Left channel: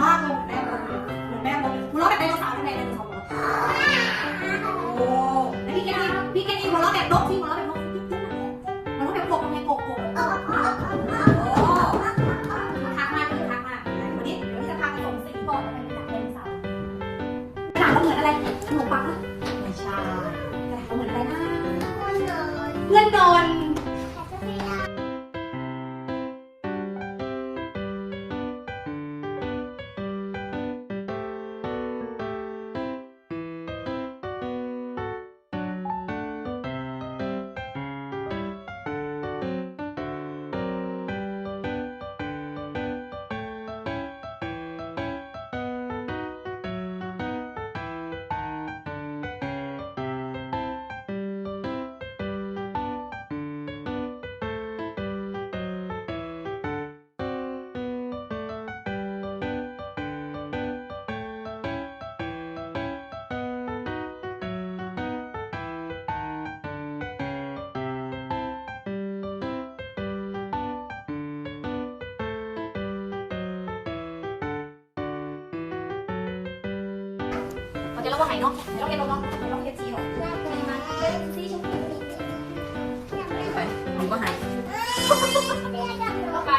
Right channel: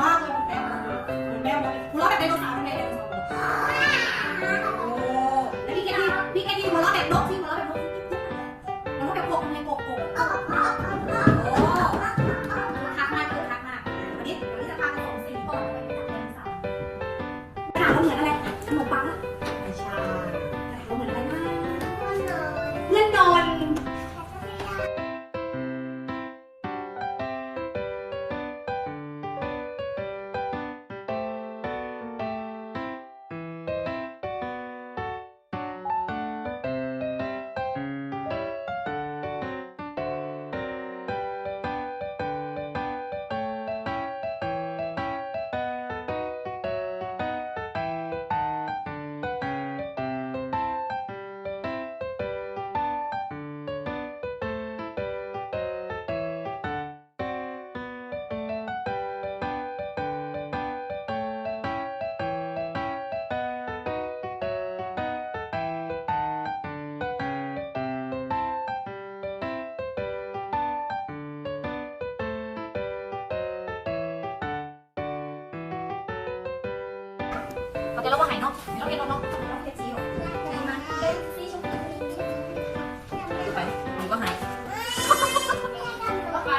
มากเลยแม่แม่หัวเราะแบบไดโนเสาร์แม่ไดโนเสาร์โอ้แล้วพี่แกหัวเราะแบบนกที่หัวเราะแบบนกหัวเราะแบบกบไงกบโอ้ทักมากเลยทักมากวันนี้เดี๋ยวจะพาไปส่งสิงโตไปจับไดโนเสาร์ถามว่าเหมือนอะไรขนมปังไม่ใช่ถามว่าเหมือนอะไรนะเพื่อนนอนเดี๋ยวเราว่าไหนเนาะเราเอ็นเราเนาะเราเอฟซีเนาะเอฟซีชมพูไปมันก็หายก็ไป